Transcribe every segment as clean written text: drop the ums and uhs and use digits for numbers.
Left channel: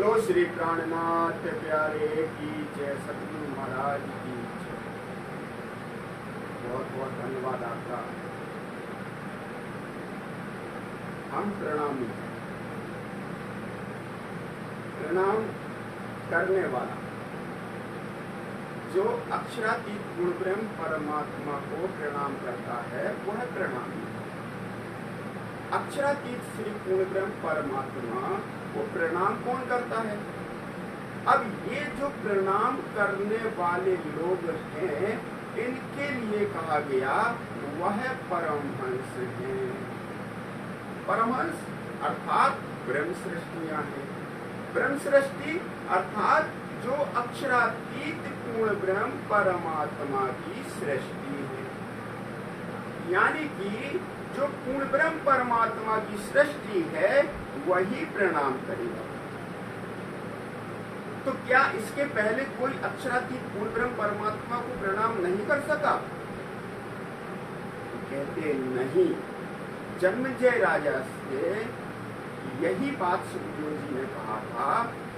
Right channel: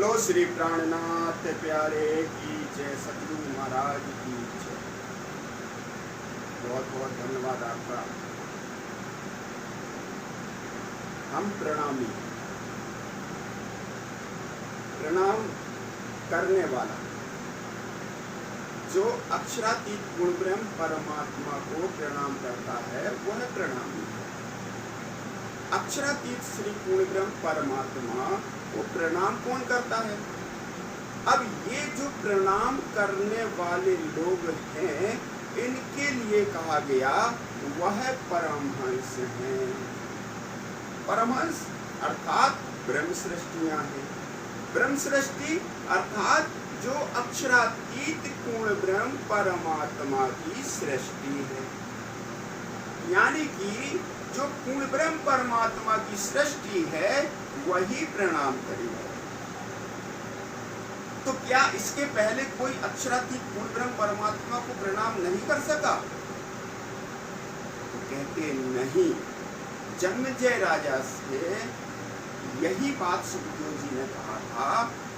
बोलो श्री प्राणनाथ प्यारे की जय, सतगुरु महाराज की जय। बहुत बहुत धन्यवाद आपका। हम प्रणामी, प्रणाम करने वाला जो अक्षरातीत गुण ब्रह्म परमात्मा को प्रणाम करता है वो है प्रणामी। अक्षरातीत श्री पूर्ण ब्रह्म परमात्मा को प्रणाम कौन करता है? अब ये जो प्रणाम करने वाले लोग हैं इनके लिए कहा गया वह परमहंस हैं। परमहंस अर्थात ब्रह्म सृष्टियां हैं। ब्रह्म सृष्टि अर्थात जो अक्षरातीत पूर्ण ब्रह्म परमात्मा की सृष्टि है, यानी कि जो पूर्ण ब्रह्म परमात्मा की सृष्टि है वही प्रणाम करेगा। तो क्या इसके पहले कोई अक्षरातीत पूर्ण ब्रह्म परमात्मा को प्रणाम नहीं कर सका? तो कहते नहीं। जन्मेजय राजा से यही बात सुखदेव जी ने कहा था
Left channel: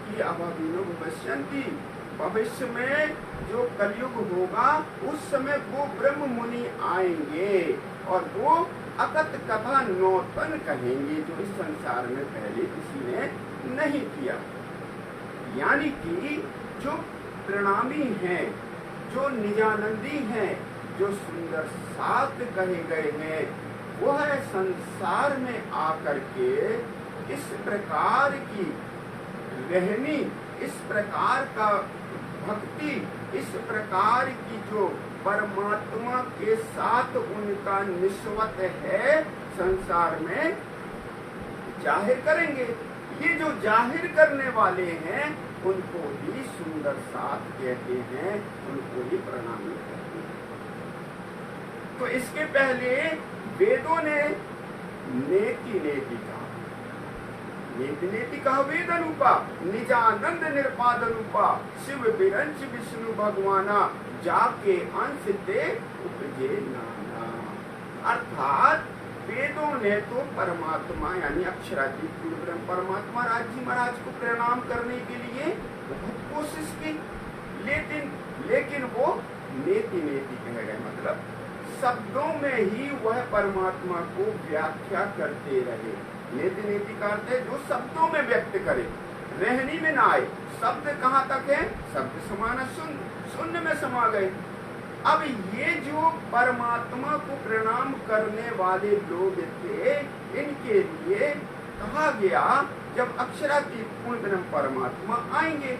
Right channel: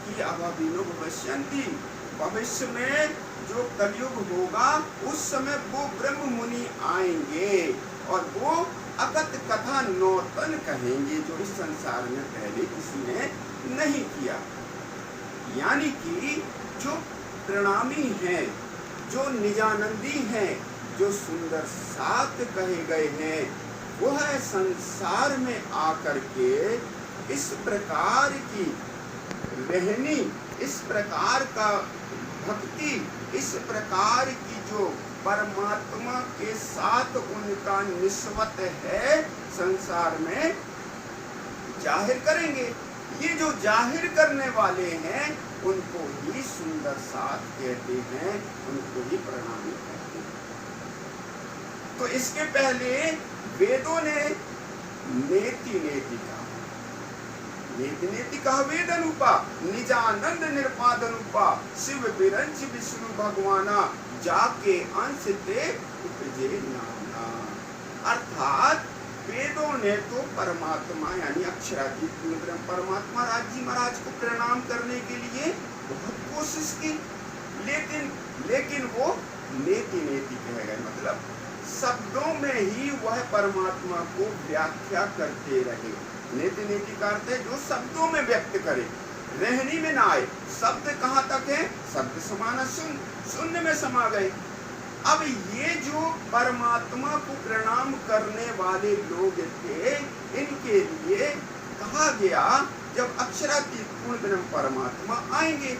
कि अभाविनो भविष्यन्ति, भविष्य में जो कलयुग होगा उस समय वो ब्रह्म मुनि आएंगे और वो अकथ कथा नौतन कहेंगे जो इस संसार में पहले किसी ने नहीं किया। यानी कि जो प्रणामी हैं, जो निजानंदी हैं, जो सुंदर सात कहे गए हैं, वो है संसार में आकर के इस प्रकार की रहनी, इस प्रकार का भक्ति, इस प्रकार की जो परमात्मा के साथ उनका निस्वत है संसार में जाहिर करेंगे। ये जो जाहिर करने वाले हैं उनको ही सुंदर साथ कहते हैं, उनको ही प्रणाम कहते हैं। तो इसके पहले वेदों ने नेति नेति कहा, नेति नेति कहा वेद अनुपा, निजानंद निर्पाद अनुपा, शिव बिरंच विष्णु भगवाना, जाके अंश ते उपजे नाना। अर्थात वेदों ने तो परमात्मा यानी अक्षरातीत पूर्ण ब्रह्म परमात्मा राज महाराज को प्रणाम करने के लिए बहुत कोशिश की, लेकिन वो नेति नेति कहे गए, मतलब शब्दों में ही वह परमात्मा को व्याख्या करते रहे। नेति नेति का अर्थ है जो शब्दों में व्यक्त करे, रहनी में ना आए। शब्द कहाँ तक है? शब्द समान शून्य, शून्य में समा गए। अब ये जो परमात्मा को प्रणाम करने वाले लोग थे इनके लिए कहा गया जब अक्षरातीत पूर्ण ब्रह्म परमात्मा आएंगे।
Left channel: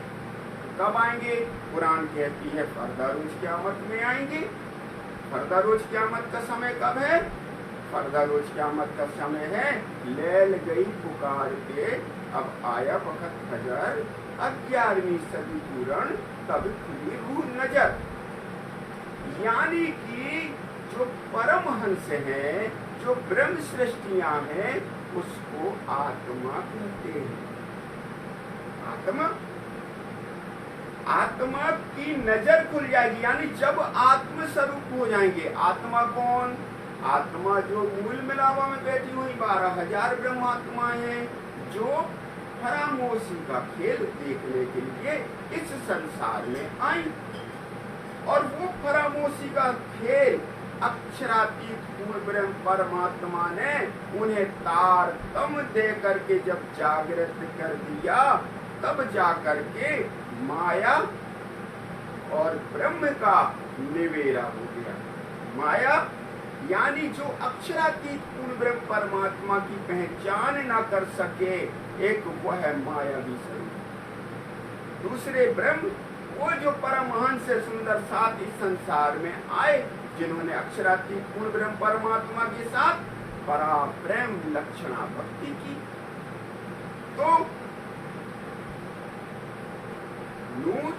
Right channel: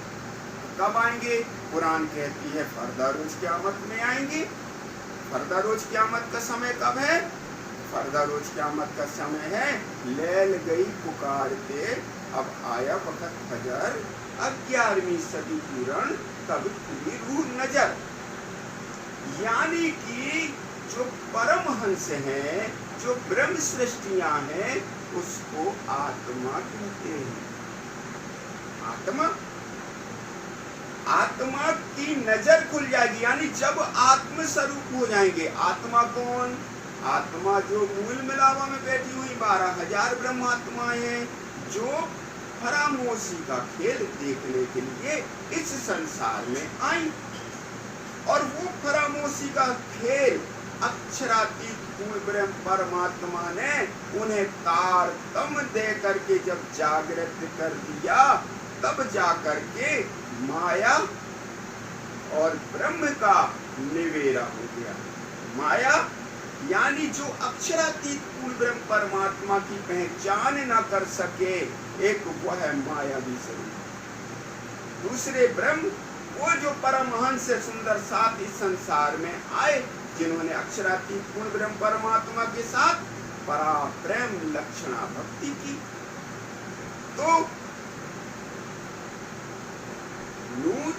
कब आएंगे? पुराण कहती है फरदा रोज क़यामत में आएंगे। फरदा रोज क़यामत का समय कब है? फरदा रोज क़यामत का समय है लैल गई पुकारते, अब आया वक्त फजर, 11वीं सदी पूर्ण तब खुली रूह नजर। यानी कि जो परमहंस हैं, जो ब्रह्म सृष्टियां हैं, उसको आत्मा कहते हैं। आत्मा, आत्मा की नजर खुल जाएगी, यानी जब आत्म स्वरूप हो जाएंगे। आत्मा कौन? आत्मा जो मूल मिलावा में बैठी हुई 12,000 ब्रह्मात्माएं हैं जो फरामोशी का खेल देखने के लिए इस संसार में आई। और वो फरामोशी का खेल अक्षरातीत पूर्ण ब्रह्म परमात्मा ने उन्हें तारतम्य दे करके जब जागृत कर दिया, तब जाकर के माया और ब्रह्म का निवेरा हो गया। माया यानी जो अक्षरातीत पूर्ण ब्रह्म परमात्मा की पहचान ना कर सके, एक वह है मायावी स्वरूप। दूसरे ब्रह्म वो जो परमहंस सुंदर साथ इस संसार में आए, जिन्होंने अक्षरातीत पूर्ण ब्रह्म परमात्मा के साथ परा प्रेम लक्षणा भक्ति की। तो नूर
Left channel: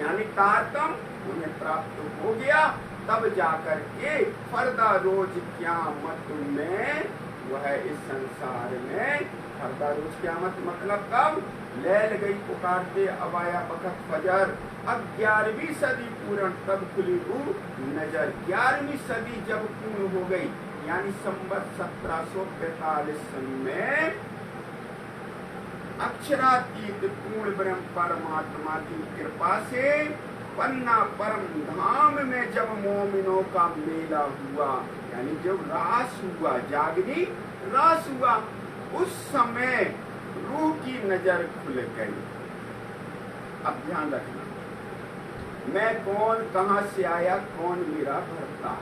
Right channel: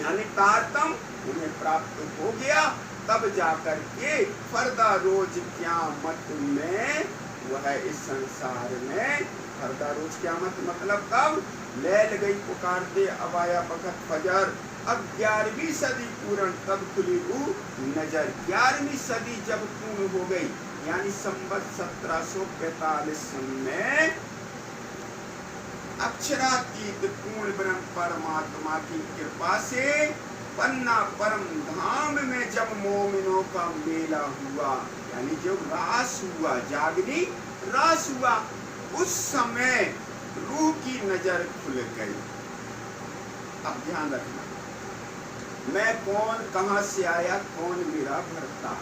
यानी तारतम्य उन्हें प्राप्त हो गया, तब जाकर के फरदा रोज क़यामत में वह इस संसार में फरदा रोज क़यामत मतलब कब? लैल गई पुकारते, अब आया वक्त फजर, अब 11वीं सदी पूर्ण तब खुली रूह नजर। 11वीं सदी जब पूर्ण हो गई यानी संवत 1745 में अक्षरातीत पूर्ण ब्रह्म परमात्मा की कृपा से पन्ना परम धाम में जब मोमिनों का मेला हुआ, यानी जब रास हुआ, जागनी रास हुआ, उस समय रूह की नजर खुल गई। अब ध्यान रखना, मैं कौन, कहां से आया, कौन मेरा भरता,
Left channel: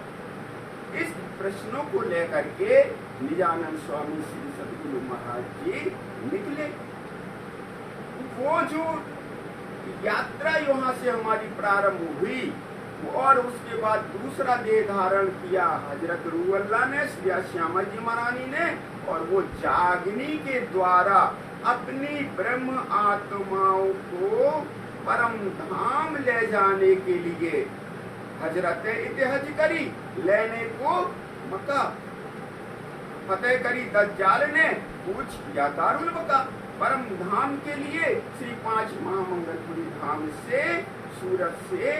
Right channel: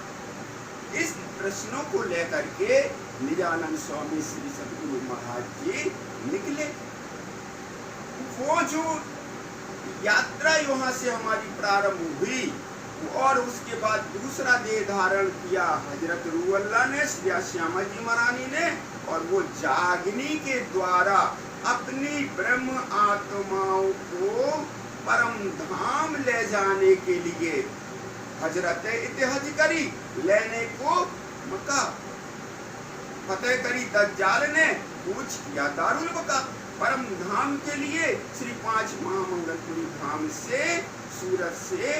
इस प्रश्नों को लेकर के निजानंद स्वामी श्री सद्गुरु महाराज जी निकले। वो जो यात्रा यहाँ से हमारी प्रारंभ हुई और उसके बाद दूसरा देह धारण किया हजरत रूह अल्लाह ने, श्री श्यामा जी महारानी ने, और वो जागनी के द्वारा अपनी ब्रह्म आत्माओं को परम धाम ले जाने के लिए हजरत इतिहाज करी, लेने को मक्का फतेह करी, दज्जाल ने कूच किया दारुल बका। परम धाम के लिए श्री 5 महामंगलपुरी धाम से, सूरत से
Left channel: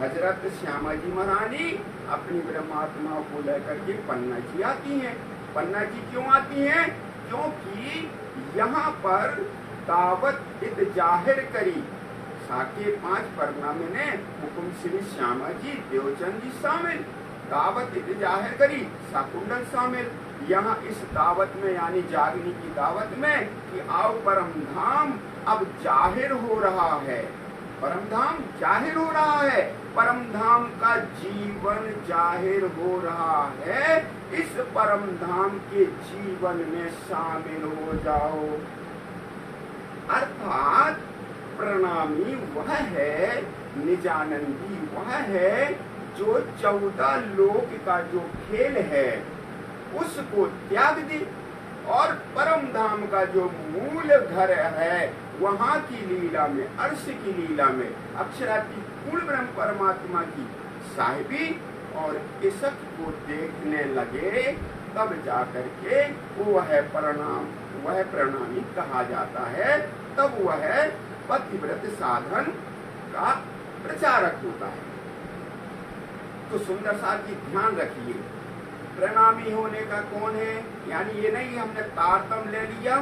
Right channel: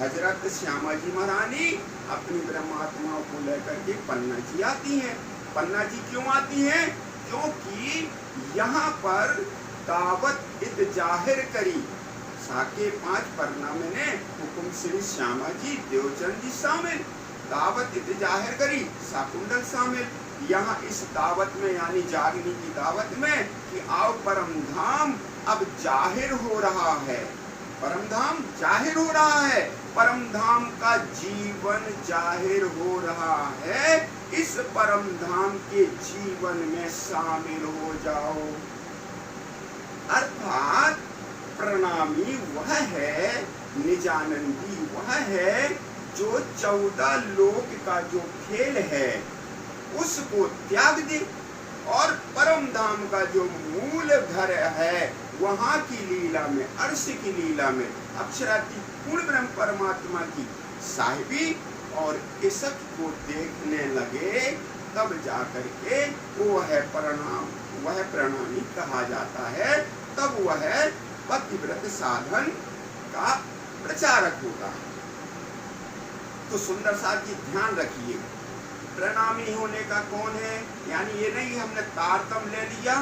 हजरत श्यामा जी महारानी अपनी ब्रह्मात्माओं को लेकर के पन्ना जी आती हैं। पन्ना जी क्यों आती हैं? क्योंकि यहाँ पर दावत इत जाहिर करी, साके 5 परनामे ने हुकुम श्री श्यामा जी देवचंद जी शामिल, दावत इत जाहिर करी साकुंडल शामिल। यहाँ इस दावत में, यानी जागनी की दावत में, कि आओ परम धाम अब जाहिर हो रहा है, परम धाम जाहिर हो रहा है, परम धाम का जीवन जाहिर हो रहा है, इस परम धाम के जीवन में शामिल हो जाओ। अर्थात प्रणामी वह है, निजानंदी वह है जो 14 लोक का जो खेल है उसको त्याग दे और परम धाम का जो मूल घर है वहां की लीला में, अर्श की लीला में अक्षरातीत पूर्ण ब्रह्म परमात्मा की साहिबी और इज्जत को देखने लगे, तब जाकर के वह प्रणामी कहा जाता है, तब वह पतिव्रत साधन का प्रचारक होता है। तो सुंदर साथ जी ध्यान रखिए, प्रणामी होने का कौन है? यानी ये नहीं हमने तारतम ले लिया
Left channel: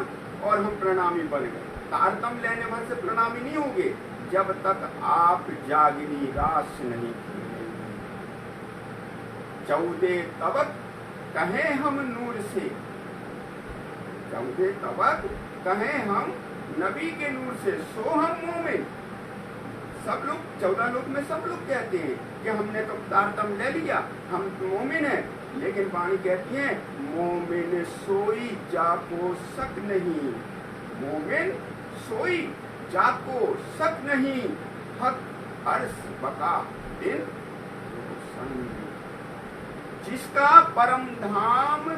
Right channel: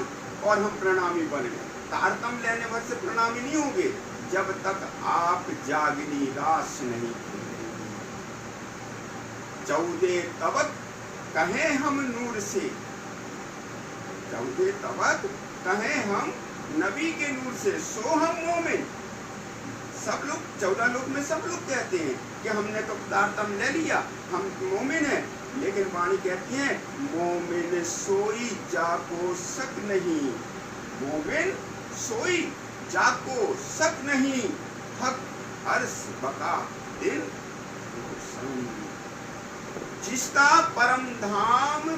और हम प्रणामी बन गए। तारतम लेने भर से प्रणामी नहीं होंगे जब तक आप जागनी रास नहीं खुलेंगे। 14 तबक कहें हम नूर से, 14 तबक कहें हम नबी के नूर से, सो हम मोमिन। सब लोग 14 लोग में सब लोग कहते हैं कि हमने तो तारतम ले लिया, हम मोमिन हैं, लेकिन वाणी कहती है मोमिन सोई जाको शक नहीं, मोमिन सोई जाको शक नहीं, हक अर्श बका दिन रोशन। जिसका परम धाम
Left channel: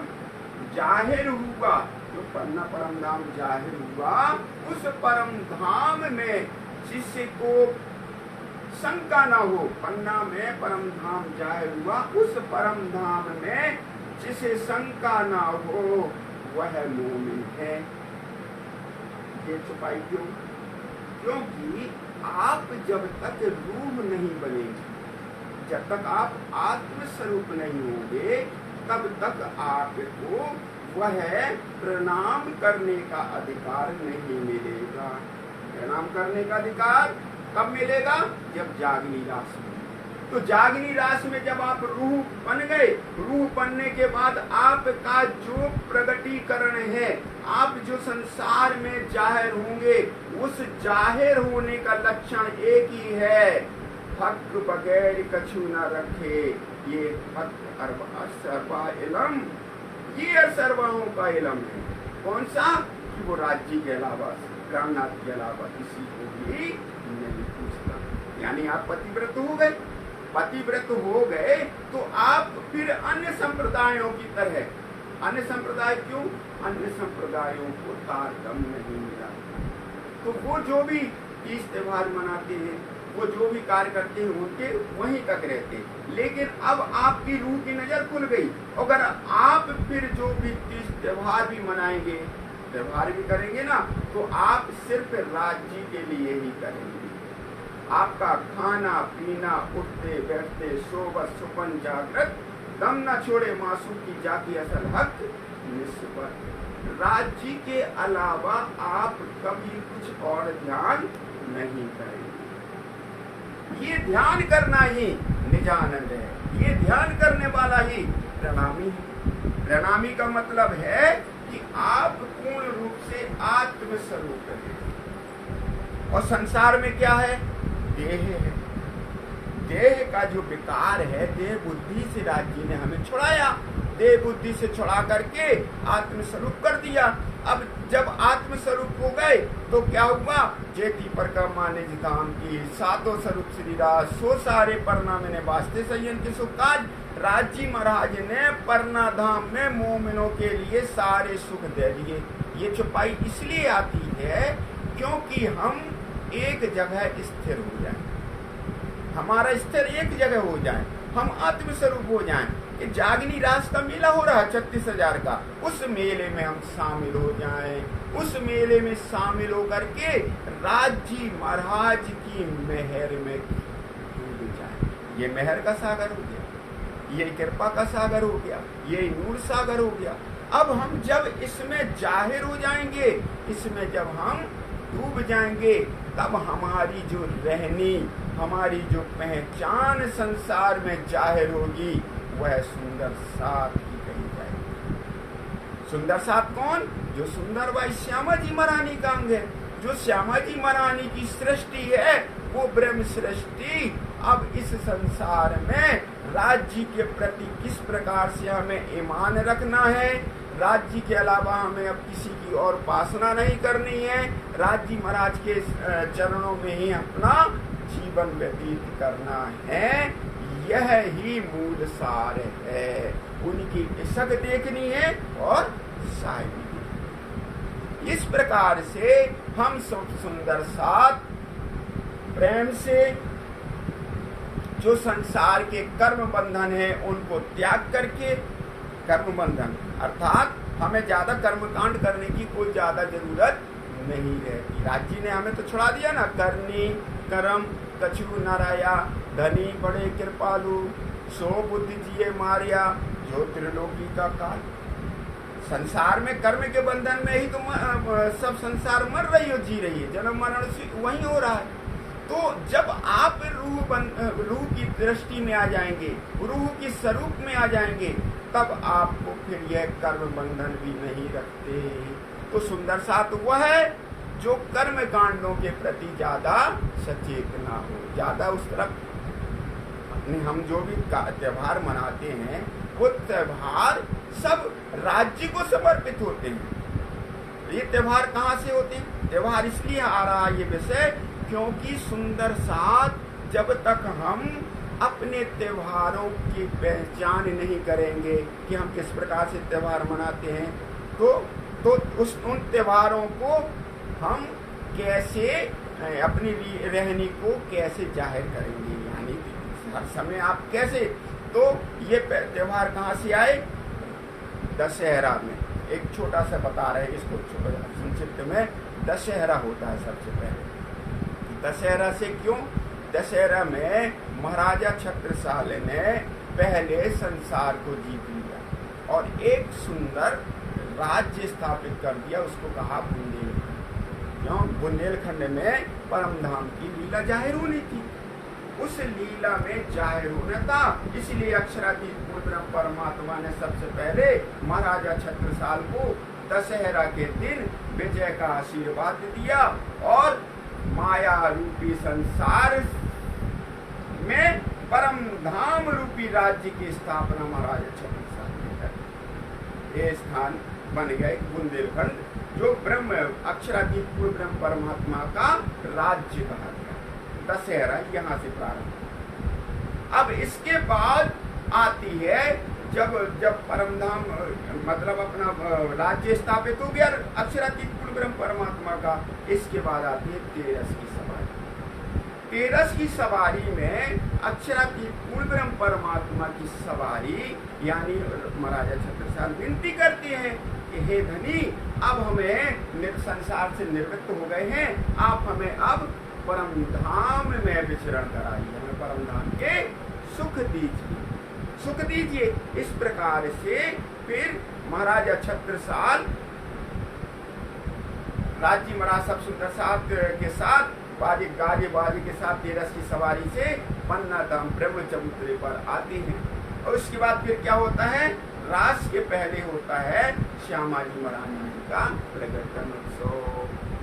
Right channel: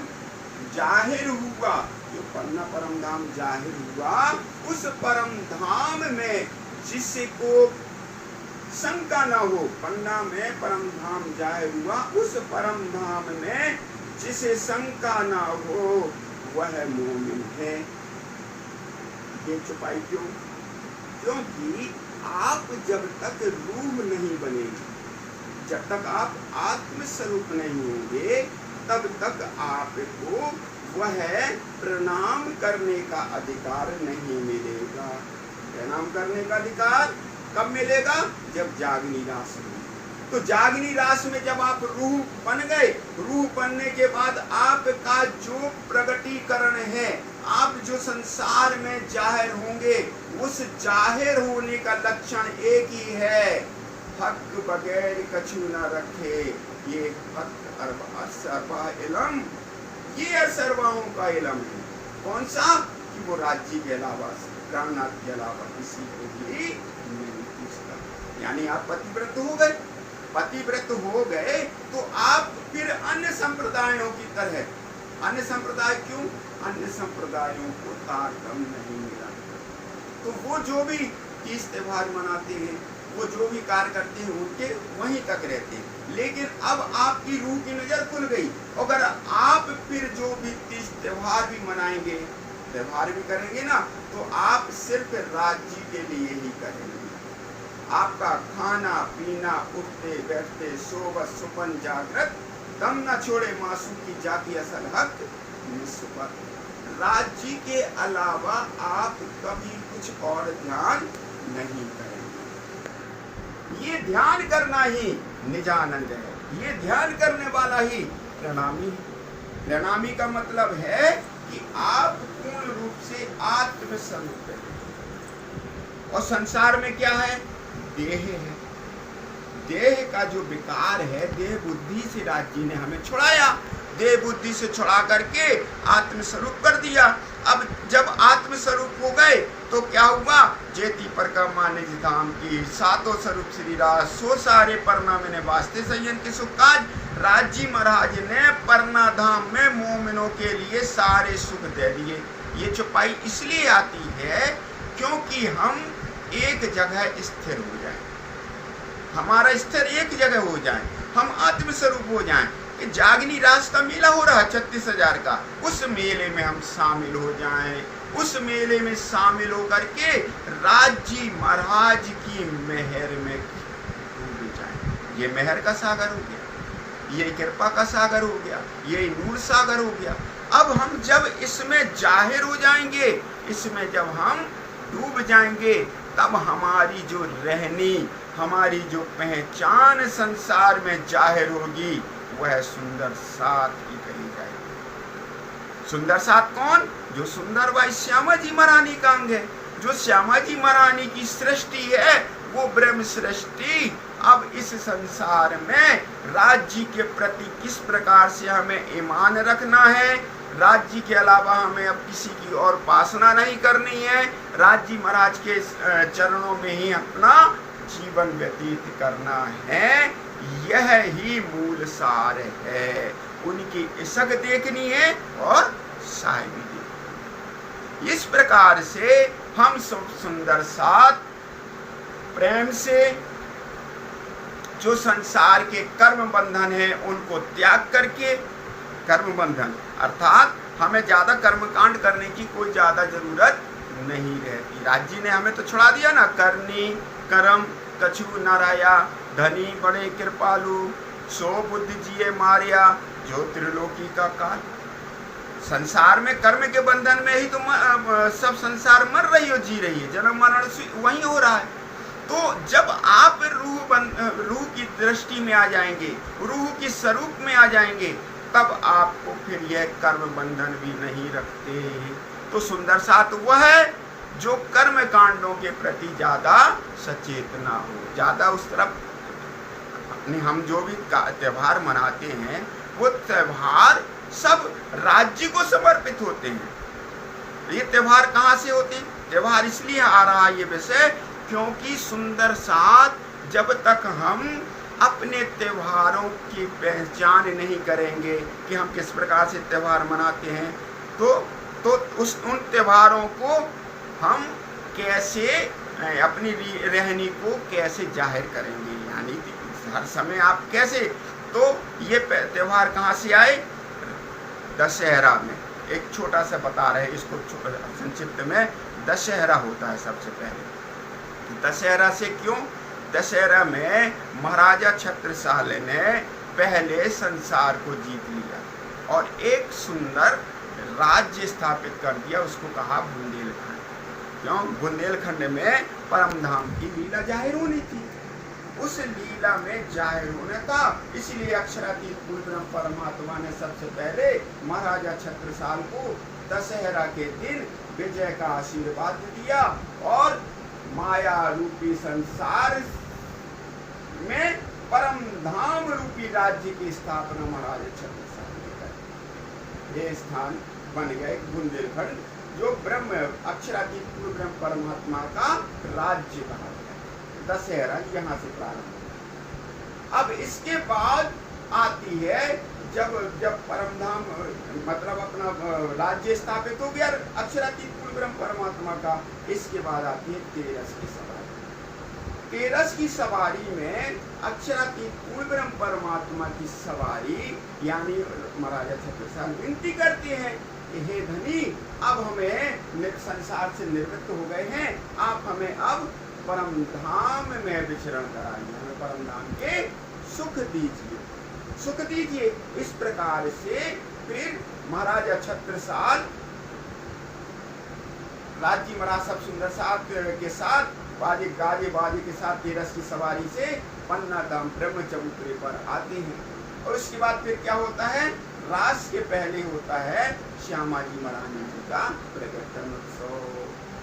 जाहिर हुआ, जो पन्ना परम धाम जाहिर हुआ, उस परम धाम में जिसको शंका ना हो, पन्ना में परम धाम जाहिर हुआ, उस परम धाम में जिसे शंका ना हो वह मोमिन है। ये छुपाई क्यों? क्योंकि आप जब तक रूह नहीं बनेंगे, जब तक आप आत्म स्वरूप नहीं होंगे, तब तक आपको वह प्रणाम करने का अधिकार नहीं मिलेगा। प्रणाम करने का अधिकार कब मिलेगा? जब जागनी रास में। तो जागनी रास में जब आप रूह बन गए, रूह बनने के बाद आपका जो प्रगटीकरण है, आप जो संसार में जाहिर होंगे, उस जाहिर होने का लक्षण एक ही है, हक बगैर कछु न रखे, ये हक अरबा इलम, ये असरवाहों का इलम है। कौन सा? कि वो राज्य के अलावा, कामनाथ के अलावा किसी को भी नहीं पूछता। यानी आप पतिव्रत हो गए, पतिव्रत हो गए तो आप फिर अन्य संप्रदायों की तरह, अन्य संप्रदाय क्यों? अन्य संप्रदायों को तारतम नहीं मिला। तो वो जो भी तीज त्योहार मनाते हैं, वो जो भी कार्य करते हैं, उनके वहीं तक रहते हैं। लेकिन अब आपकी रूह की नजर खुल गई, अगर आप फिर जो भी तीज त्योहार भी मनाएंगे, त्योहार भी करेंगे ना, तो आप सिर्फ राज्य के लिए ही करेंगे। आपका खाना पीना, उठते बैठते, सोबत सुपन जागृत, दम न छोड़े मासूम की जाती असल हक निस्बत। राज्य के अलावा आप कभी कुछ और ध्यान नहीं करेंगे। ये ध्यान करना ही निजानंद है, ये ध्यान करने वाला ही प्रणामी है। प्रणामी का मतलब है कि आप पूर्ण रूप से आत्म स्वरूप हैं। और संसार में क्या है? देह है। देह का जो विकार है, देह बुद्धि से राज्य ने हमें छुड़ाया, देह बुद्धि से छुड़ा करके आत्म स्वरूप कर दिया। अब जब आत्म स्वरूप हो गए तो क्या हुआ? जेती पर का माने धाम की सातों स्वरूप श्री राज सो सारे परना में वास्ते संयन के सुख काज। राजी महाराज ने परना धाम में मोमिनों के लिए सारे सुख दे दिए। ये चौपाई इसलिए आती है क्योंकि हम एक जगह स्थिर हो जाएं, हमारा स्थिर एक जगह हो जाए, हम आत्म स्वरूप हो जाएं। कि जागनी रास का मेला हो रहा है 36,000 का, उस मेले में हम शामिल हो जाएं, उस मेले में शामिल होकर के राज्य महाराज की मेहर में डूब जाएं। ये मेहर का सागर हो गया, ये कृपा का सागर हो गया, ये नूर सागर हो गया। अब हम जब इसमें जाहिर हो जाएंगे, इसमें जब हम डूब जाएंगे, तब हमारी जो रहनी, हमारी जो पहचान संसार में जाहिर होगी, वह सुंदर साथ ही कही जाएगी। सुंदर साथ कौन? जो सुंदर भाई श्यामा जी महारानी का अंग है, जो श्यामा जी महारानी की सृष्टि है, वो ब्रह्म सृष्टि अब इस संसार में राज्य के प्रति किस प्रकार से हमें ईमान रखना है, राज्य के अलावा हमें अब किसी की और उपासना नहीं करनी है, राज्य महाराज के चरणों में ही अपना जीवन व्यतीत करना है, यह ही मूल सार है। उनकी इसक देखनी है और साहिब देखनी। इस प्रकार से हम सुंदर साथ प्रेम से जो संसार के कर्म बंधन है उनको त्याग करके, कर्म बंधन अर्थात हमें ज्यादा कर्मकांड करने की कोई ज्यादा जरूरत नहीं रहती। राज्य ने हमें तो छुड़ा दिया ना, करनी कर्म कछु न रहा, धनी बड़े कृपालु, सो बुद्धि जिए मारिया, जो त्रिलोकी का काल। संसार में कर्म के बंधन में ही तो सब संसार मर रही हो, जी रही है, जन्म मरण वही हो रहा है। तो जब आप रूह की दृष्टि में आ जाएंगे, रूह की स्वरूप में आ जाएंगे, तब आपको फिर यह कर्म बंधन भी नहीं रखते। तो सुंदर साथ वह है जो कर्म कांडों के प्रति ज्यादा सचेत ना हो, ज्यादा उस तरफ अपने, हम जो भी त्योहार मनाते हैं वो त्योहार सब राज्य को समर्पित होते हैं। ये त्योहार कहाँ से होते हैं? त्योहार इसलिए आ रहा है ये विषय क्योंकि सुंदर साथ जब तक हम अपने त्योहारों की पहचान नहीं करेंगे कि हम किस प्रकार से त्योहार मनाते हैं, तो उन त्योहारों को हम कैसे अपनी रहनी को कैसे जाहिर करेंगे, यानी हर समय आप कैसे। तो ये त्योहार कहाँ से आए? दशहरा में। एक छोटा सा बता रहे हैं इसको संक्षिप्त में। दशहरा होता है सबसे पहले। दशहरा से क्यों? दशहरा में महाराजा छत्रसाल ने पहले संसार को जीत लिया और एक सुंदर राज्य स्थापित कर दिया, उसको कहा बुंदेलखंड। क्यों? बुंदेलखंड में परम धाम की लीला जाहिर होनी थी, उस लीला में जाहिर होना था। इसलिए अक्षरातीत पूर्ण ब्रह्म परमात्मा ने सबसे पहले महाराजा छत्रसाल को दशहरा के दिन विजय का आशीर्वाद दिया और माया रूपी संसार में परम धाम रूपी राज्य की स्थापना महाराजा छत्रसाल ने की। ये स्थान बन गए बुंदेलखंड, जो ब्रह्म अक्षरातीत पूर्ण ब्रह्म परमात्मा का राज्य कहा गया। दशहरा यहाँ से प्रारंभ। अब इसके बाद आती है जब परमधाम मतलब अपना राज्य स्थापित हो गया अक्षरातीत पूर्ण ब्रह्म परमात्मा का, इसके बाद आती है तेरस की सवारी। तेरस की सवारी में अक्षरातीत पूर्ण ब्रह्म परमात्मा की सवारी यानी महाराजा छत्रसाल विनती करते हैं कि हे धनी, अब हमें संसार से निवृत्त हो गए हैं, आप हमें अब परम धाम में विचरण कराइए, हमें परम धाम के सुख दीजिए, सुख दीजिए। इस प्रकार से फिर महाराजा छत्रसाल राज्य महाराज सब सुंदर साथ के साथ बाजे गाजे बाजे के साथ तेरस की सवारी से पन्ना धाम ब्रह्म चबूतरे पर आते हैं। और उसके बाद फिर क्या होता है, रास के पहले होता है श्यामा जी महारानी जी का प्रकटन उत्सव।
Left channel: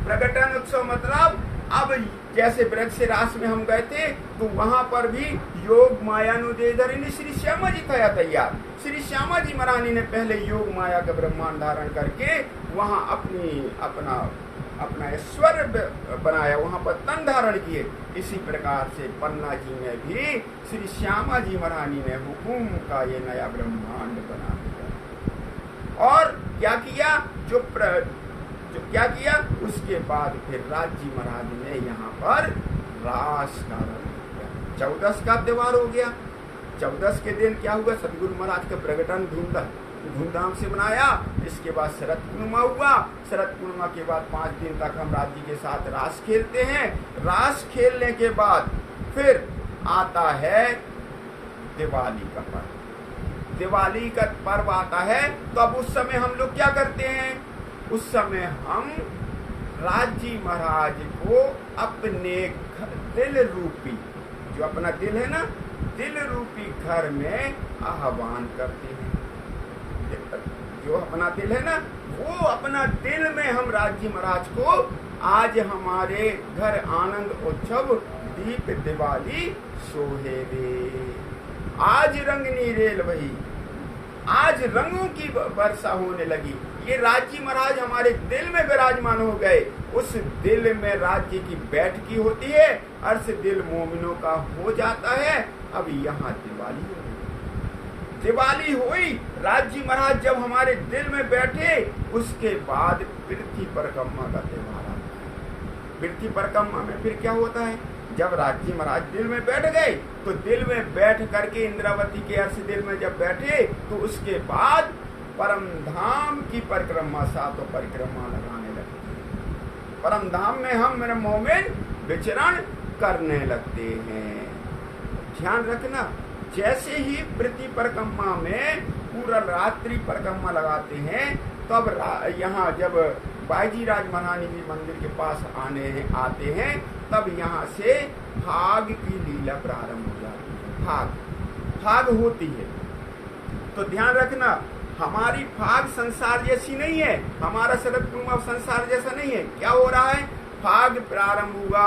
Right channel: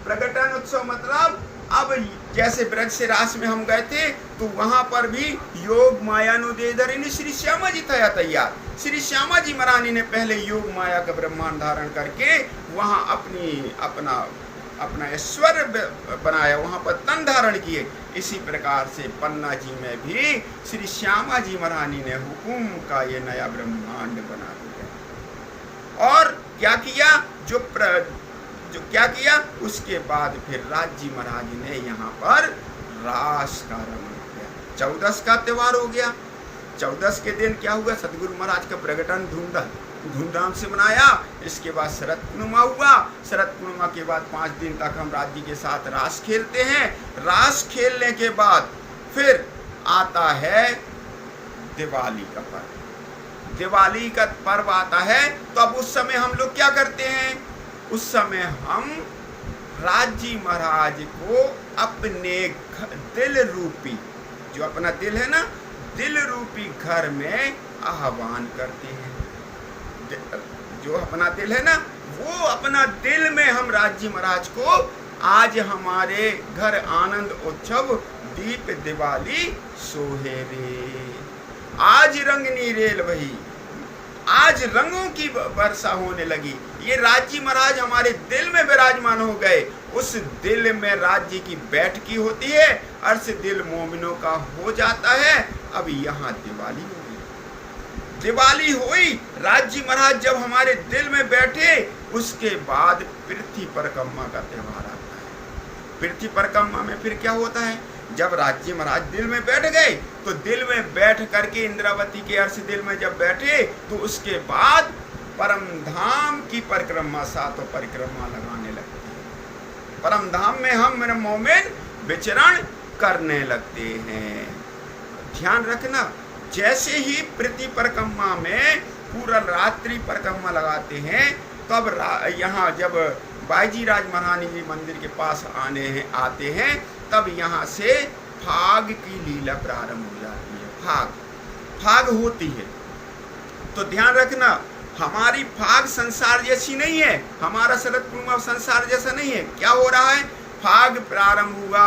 प्रकटन उत्सव मतलब अब जैसे ब्रज से रास में हम गए थे तो वहां पर भी योग मायानुदेधरिणी श्री श्यामा जी था तैयार। श्री श्यामा जी महारानी ने पहले योग माया का ब्रह्मांड धारण करके वहां अपना ऐश्वर्य बनाया, वहां पर तन धारण किए। इसी प्रकार से पन्ना जी में भी श्री श्यामा जी महारानी ने हुकुम का ये नया ब्रह्मांड बना दिया। और क्या किया, जो क्या किया, उसके बाद फिर राज्य महाराज ने यहाँ पर रास का रमण किया। 14 का त्योहार हो गया। 14 के दिन क्या हुआ, सतगुरु महाराज का प्रकटन धूमधाम से मनाया। इसके बाद शरद पूर्णिमा हुआ। शरद पूर्णिमा के बाद 5 दिन तक हम राज्य के साथ रास खेलते हैं। रास खेलने के बाद फिर आता है दिवाली का पर्व। दिवाली का पर्व आता है तो अब उस समय हम लोग क्या करते हैं, उस समय हम राज्य महाराज को अपने दिल रूपी, जो अपना दिल है ना, दिल रूपी घर में आह्वान करते हैं। जो अपना दिल है ना, वो अपना दिल में हम राज्य महाराज को आज हमारे घर आनंद उत्सव दीप दिवाली सोहे रे, आज रंगनी रेल वही, आज रंगों की वर्षा होने लगी। ये राज्य महाराज हमारे दिल में विराजमान हो गए। उस दिल में राज्य की बैठकी होती है, अर्श दिल मोमिनों का हो जाता है। अब यहाँ दिवाली हो गई, दिवाली हुई। राज्य महाराज जब हमारे दिल में बैठे, उसके बाद पृथ्वी परिक्रमा का त्योहार आता है। पृथ्वी परिक्रमा में फिर क्या होता है, जब राज्य महाराज दिल में बैठ गए तो दिल में बैठ करके इंद्रावती के अर्श दिल में जब बैठे तो उसके बाद परम धाम की परिक्रमा, 7 परिक्रमा लगाने लगते हैं। परम धाम में हम मेरे मोमिन विचरण करने लगते हैं। ध्यान रखना, जैसे ही पृथ्वी परिक्रमा में पूरा रात्रि परिक्रमा लगाते हैं तब यहाँ जब बाईजी राज महारानी जी मंदिर के पास आते हैं तब यहाँ से फाग की लीला प्रारंभ हो जाती है। फाग होती है। तो ध्यान रखना, हमारी फाग संसार जैसी नहीं है, हमारा शरद पूर्णिमा संसार जैसा नहीं है। क्या हो रहा है, फाग प्रारंभ हुआ,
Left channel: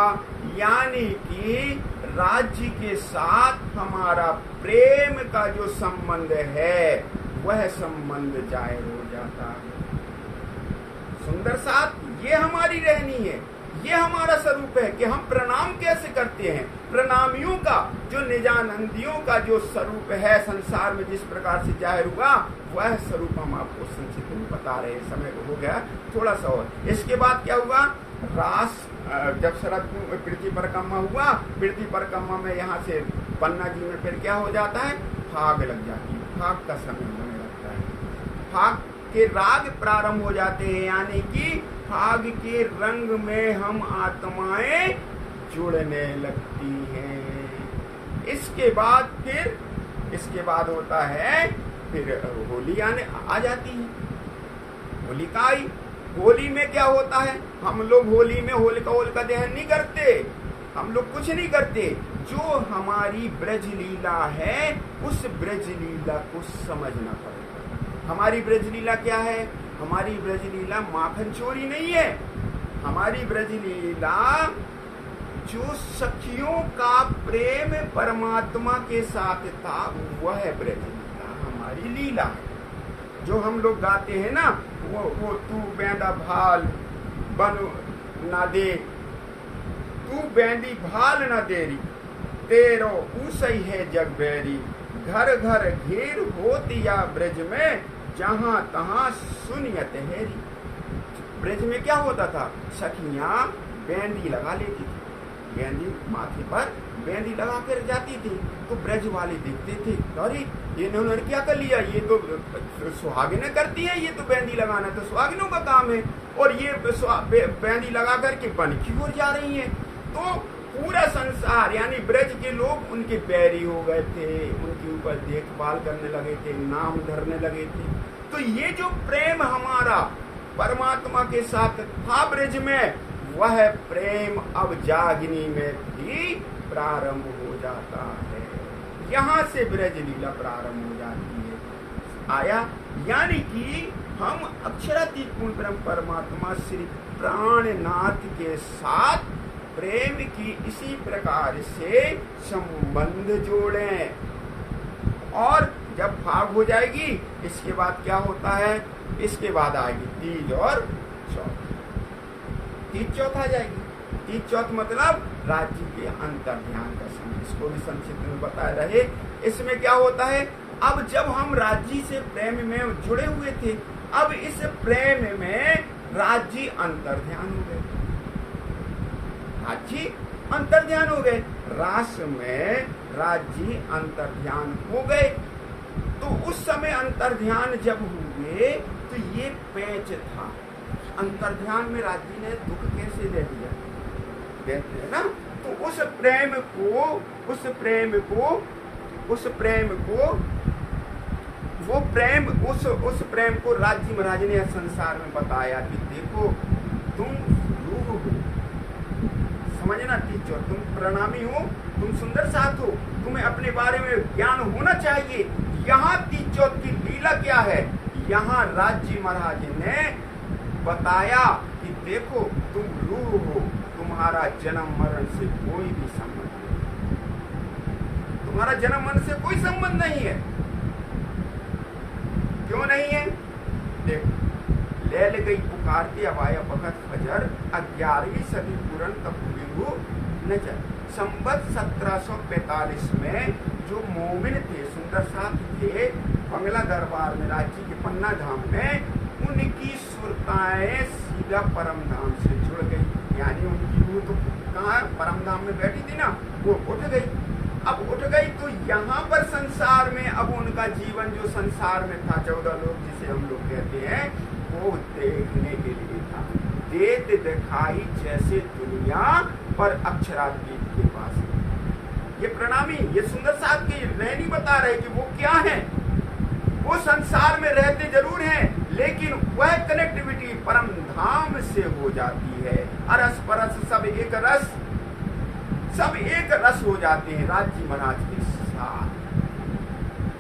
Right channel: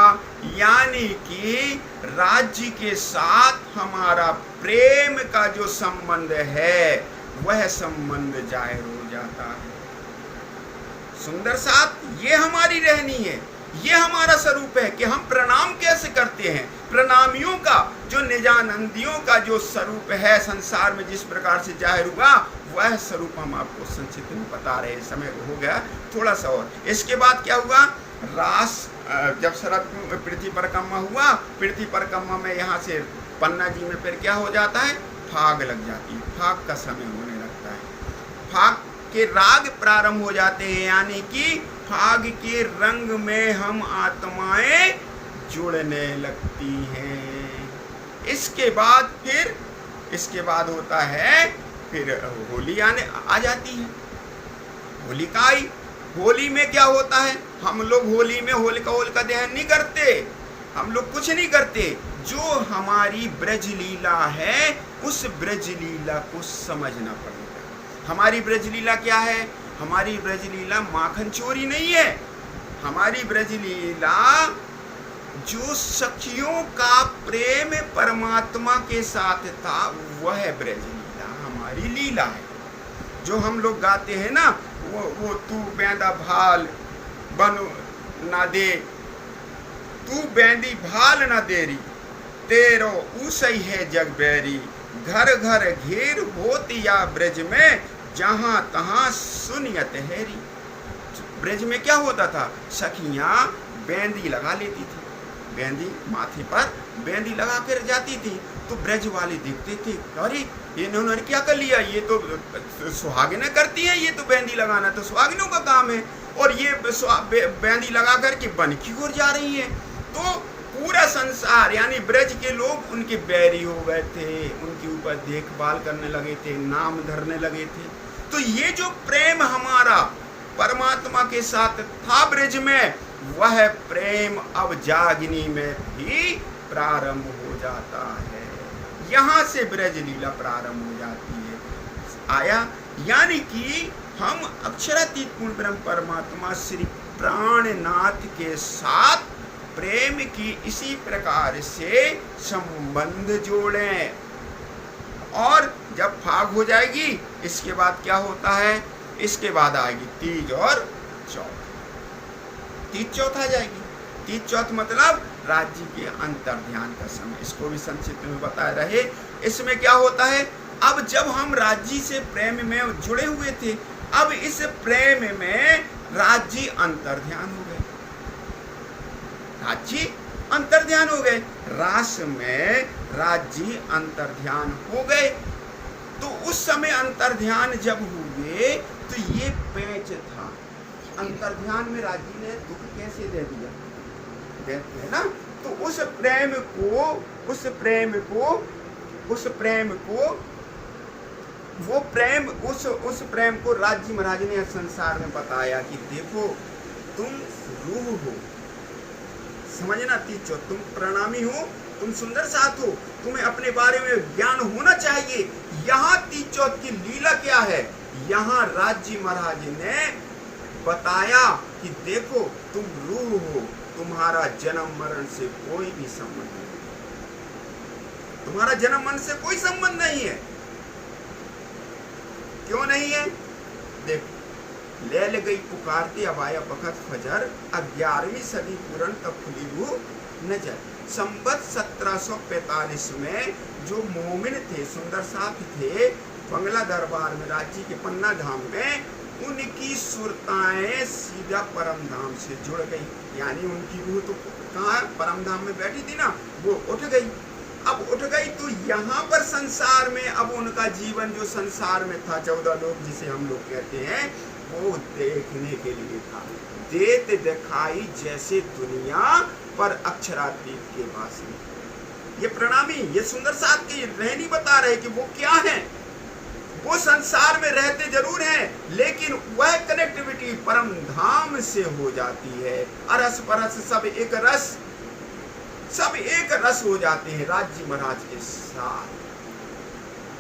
यानी कि राज्य के साथ हमारा प्रेम का जो संबंध है वह संबंध जाहिर हो जाता है। सुंदर साथ, ये हमारी रहनी है, ये हमारा स्वरूप है कि हम प्रणाम कैसे करते हैं। प्रणामियों का जो निजानंदियों का जो स्वरूप है संसार में जिस प्रकार से जाहिर हुआ, वह स्वरूप हम आपको संक्षिप्त में बता रहे हैं। समय हो गया थोड़ा सा और। इसके बाद क्या हुआ, रास जब शरद पृथ्वी परिक्रमा हुआ, पृथ्वी परिक्रमा में यहाँ से पन्ना जी में फिर क्या हो जाता है, फाग लग जाती है। फाग का समय होने लगता है, फाग के राग प्रारंभ हो जाते हैं, यानी कि फाग के रंग में हम आत्माएं जुड़ने लगती हैं। इसके बाद होता है फिर होली आ जाती है। होली का आई, होली में क्या होता है, हम लोग होली में होलिका दहन नहीं करते, हम लोग कुछ नहीं करते। जो हमारी ब्रज लीला है उस ब्रज लीला को समझना पड़ेगा। हमारी ब्रज लीला क्या है, हमारी ब्रज लीला माखन चोरी नहीं है। हमारी ब्रज लीला जो सखियों का प्रेम परमात्मा के साथ था वह ब्रज लीला हमारी लीला है। जो हम लोग गाते हैं ना, वो तू बेंदा भाल बन ना दे, तू बेंदी भाल ना देरी, तेरो ऊसई है जग बैरी, घर घर घेर होती या ब्रज में, जहां तहां सुनियत हैरी। ब्रज में क्या होता था, सखियां बेंदी लगा लेती थी, बेंदी माथे पर बेंदी लगा कर जाती थी। तो ब्रज वाले देखते थे, अरे इन्होंने क्या कर लिया, ये तो सुहागिनें करती हैं, ये तो बेंदी लगाना तो सुहागिनों का काम है, और ये बेंदी लगा करके बन की ओर जा रही है। तो पूरा संसार यानी ब्रज के लोग उनके बैरी हो गए थे, उनके ऊपर देखभाल करने लगे थे, नाम धरने लगे थे। तो ये जो प्रेम हमारा परमात्मा के साथ था ब्रज में, वह प्रेम अब जागनी में भी प्रारंभ हो जाता है। यहाँ से ब्रज लीला प्रारंभ हो जाती है। आया, यानी कि हम अक्षरातीत पूर्ण ब्रह्म परमात्मा श्री प्राणनाथ के साथ प्रेम की इसी प्रकार से संबंध जोड़ें। और जब फाग हो जाएगी, इसके बाद क्या होता है, इसके बाद आएगी तीज और चौथ। तीज चौथ आ जाएगी। तीज चौथ मतलब राज्य के अंतर ध्यान का समय, इसको भी संक्षिप्त में बताए रहे। इसमें क्या होता है, अब जब हम राज्य से प्रेम में जुड़े हुए थे, अब इस प्रेम में राज्य अंतर ध्यान हो गए, राज्य अंतर ध्यान हो गए, रास में राज्य अंतर ध्यान हो गए। तो उस समय अंतर ध्यान जब हुए तो ये पैच था। अंतर ध्यान में राज्य ने दुख कैसे दे दिया, देखते हैं ना। तो उस प्रेम को राज्य महाराज ने संसार में बताया कि देखो तुम रूह हो, समझना, तीजो तुम प्रणामी हो, तुम सुंदर साथ हो, तुम्हें अपने बारे में ज्ञान होना चाहिए। यहाँ तीजो की लीला क्या है, यहाँ राज्य महाराज ने बताया कि देखो तुम रूह हो, तुम्हारा जन्म मरण से कोई भी संबंध नहीं, तुम्हारा जन्म मरण से कोई संबंध नहीं है। क्यों नहीं है, देखो, लैल गई पुकारती अब आया बखत फजर, 11वीं सदी पूरन तब खुली रूह नजर। संवत 1745 में जो मोमिन थे, सुंदर साथ थे, बंगला दरबार में राज्य के पन्ना धाम में, उनकी सुरताएं सीधा परम धाम से जुड़ गई। यानी उनकी रूह तो कहाँ परम धाम में बैठी थी ना, वो उठ गई। अब उठ गई तो यहाँ पर संसार में अब उनका जीवन जो संसार में था, 14 लोग जिसे हम लोग कहते हैं, वो देखने के लिए था। देत दिखाई जैसे दुनिया पर अक्षरातीत के पास। ये प्रणामी, ये सुंदर साथ की रहनी बता रहे कि वो क्या है। वो संसार में रहते जरूर हैं, लेकिन वह कनेक्टिविटी परम धाम से हो जाती है। अरस परस सब एक रस, सब एक रस हो जाते हैं राज्य महाराज के साथ।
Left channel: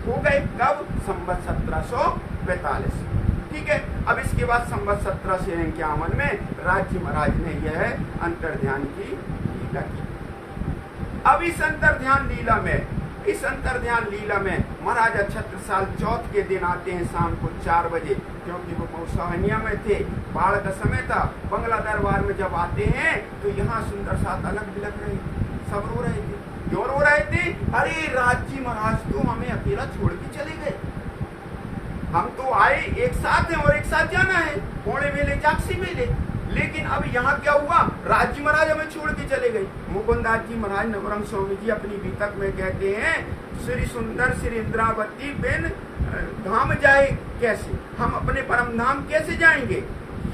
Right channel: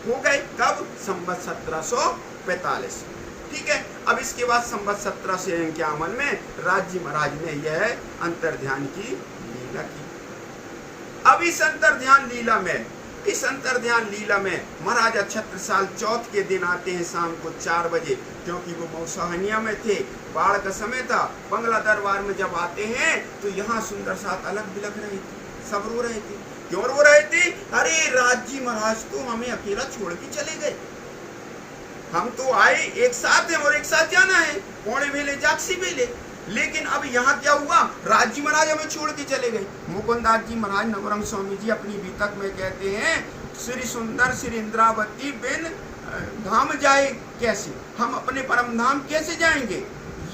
हो गए कब, संवत 1745। ठीक है। अब इसके बाद संवत 1751 में राज्य महाराज ने यह अंतर ध्यान की लीला की। अब इस अंतर ध्यान लीला में महाराजा छत्रसाल चौथ के दिन आते हैं शाम को 4 बजे, क्योंकि वो मौसहनिया में थे, बाढ़ का समय था। बंगला दरबार में जब आते हैं तो यहाँ सुंदर साथ अलग बिलग रहे थे, सब रो रहे थे। क्यों रो रहे थे, अरे राज्य महाराज तो हमें अकेला छोड़ के चले गए, हम तो आए एक साथ हैं और एक साथ जाना है, पौड़े वेले जागसी वेले। लेकिन अब यहाँ क्या हुआ, राज्य महाराज हमें छोड़ के चले गए। मुकुंदास जी महाराज नवरंग स्वामी जी अपनी बीतक में कहते हैं, श्री सुंदर श्री इंद्रावती बिन धाम जाए कैसे, हम अपने परम धाम कैसे जाएंगे,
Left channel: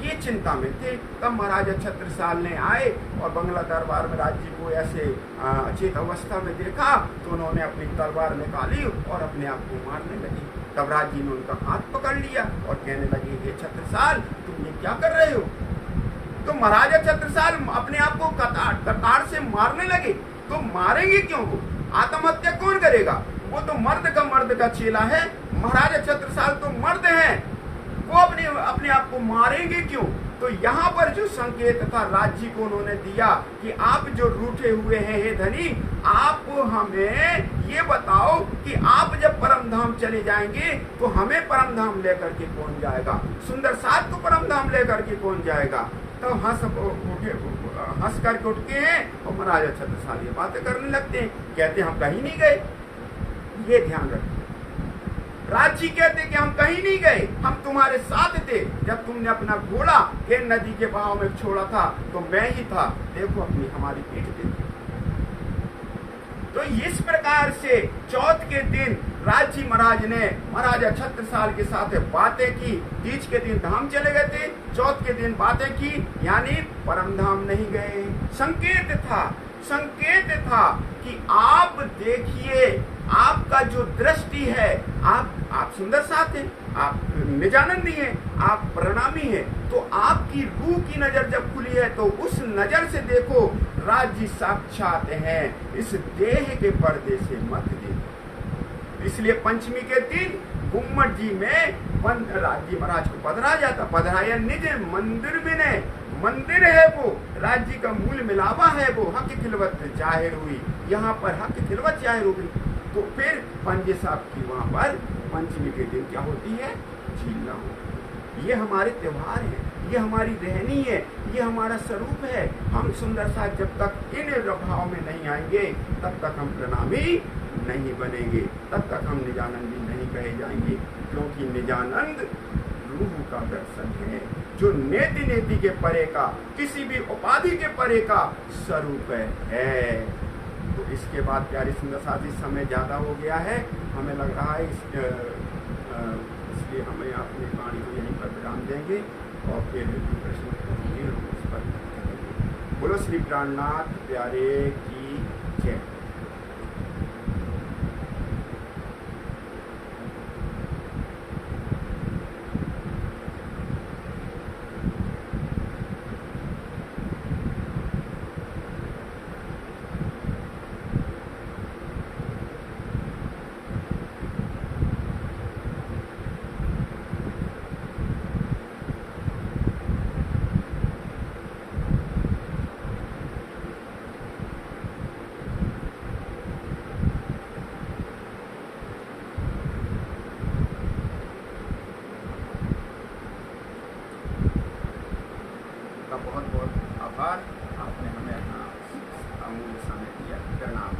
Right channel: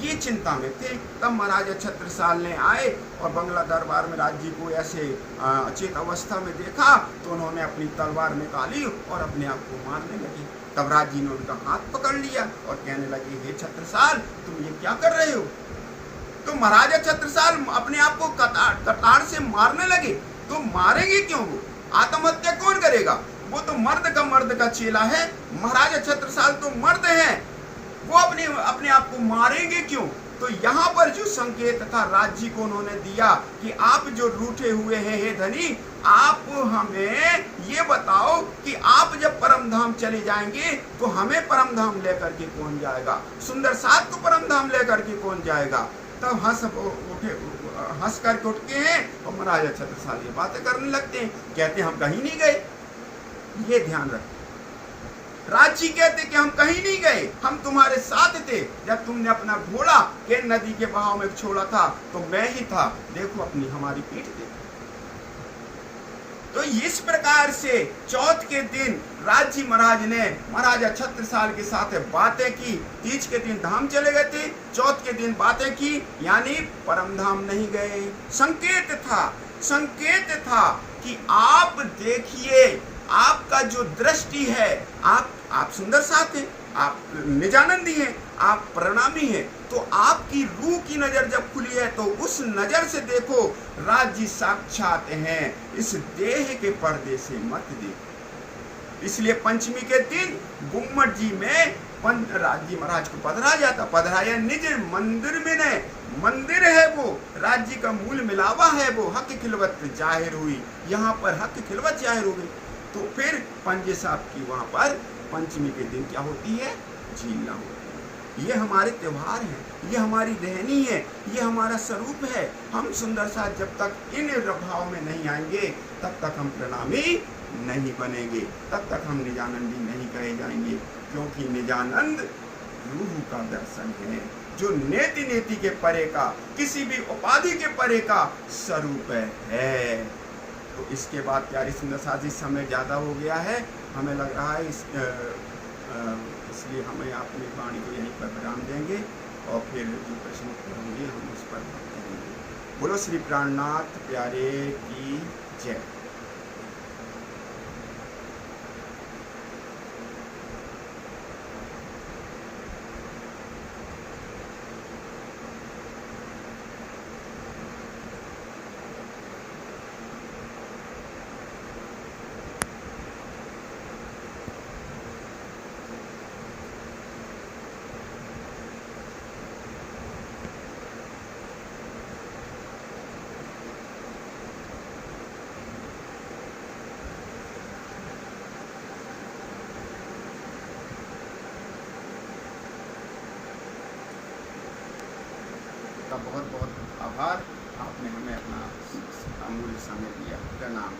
ये चिंता में थे। तब महाराजा छत्रसाल ने आए और बंगला दरबार में राज्य को ऐसे अचेत अवस्था में देखा तो उन्होंने अपनी तलवार निकाली और अपने आप को मारने लगे। तब राज्य ने उनका हाथ पकड़ लिया और कहने लगे, हे छत्रसाल तुम ये क्या कर रहे हो। तो महाराजा छत्रसाल अपने आप को कतार से मारने लगे। तो मारेंगे क्यों, वो आत्महत्या कौन करेगा, वो तो मर्द का चेला है। महाराजा छत्रसाल तो मर्द हैं, वो अपने आप को मारेंगे क्यों। तो यहाँ पर जो संकेत था राज्य को उन्होंने दिया कि आप जो रूठे हुए हैं हे धनी, आप हमें ये बताओ कि आप जब परम धाम चले जाएंगे तो हमें परम धाम लेकर के कौन जाएगा, सुंदर साथ को परम धाम लेकर के कौन जाएगा। तब हंस करके उठ के हैं और महाराजा छत्रसाल ये बातें करने लगते हैं, कहते हम कहीं नहीं गए। ये ध्यान रखो, राज्य कहते कि हम कहीं नहीं गए, हम तुम्हारे साथ थे। जब तुमने अपना घोड़ा के नदी के बहाव में छोड़ा था तो मैं ही था, देखो अपनी हमारी पीठ पे। तो इस प्रकार से चौथ के दिन राज्य महाराज ने महाराजा छत्रसाल के साथ बातें की। तीज के दिन धाम चले गए थे, चौथ के दिन बातें की, यानी परम धाम नहीं गए। संकेत था कि आप देखिए आपका जो दृष्टि है, आप सुंदर साथ हैं, आप निजानंदी हैं, आप प्रणामी हैं, तो आपकी रूह की नजर जब खुली है तो उस नजर से देखो, राज्य साक्षात है, इस देह के पर्दे से मत देखो। इसलिए पंचमी के दिन गुम्मट जी में राज्य महाराज को पधराया निज मंदिर में ने, मंदिर है वो, राज्य का मूल मिलावा है वो, हक खिलवत जाहिर हुई, यहाँ पर हक खिलवत जाहिर हो गई। तो फिर पंजे साहब की वहाँ पर पंचमी के दिन क्या होती है, झीलना होती है। ये हमारे त्योहार हैं, ये हमारी रहनी है, ये हमारा स्वरूप है। हम सुंदर साथ जब तक इन भाव में नहीं आएंगे तब तक हम प्रणामी नहीं बनेंगे, तब तक हम निजानंदी नहीं कहे जाएंगे, क्योंकि निजानंद रूह का दर्शन है, जो नेति नेति के परे का, किसी भी उपाधि के परे का स्वरूप है। तो इसके बाद प्यारी सुंदर साथ जी, समय ज़्यादा हो गया है, हमें लग रहा है इसलिए हमें अपनी वाणी को यहीं पर विराम देंगे और फिर जो प्रश्न होंगे हम उस पर करेंगे। बोलो श्री प्राणनाथ प्यारे की जय। बहुत बहुत आभार, आपने हमें अपना अमूल्य समय दिया। प्रणाम।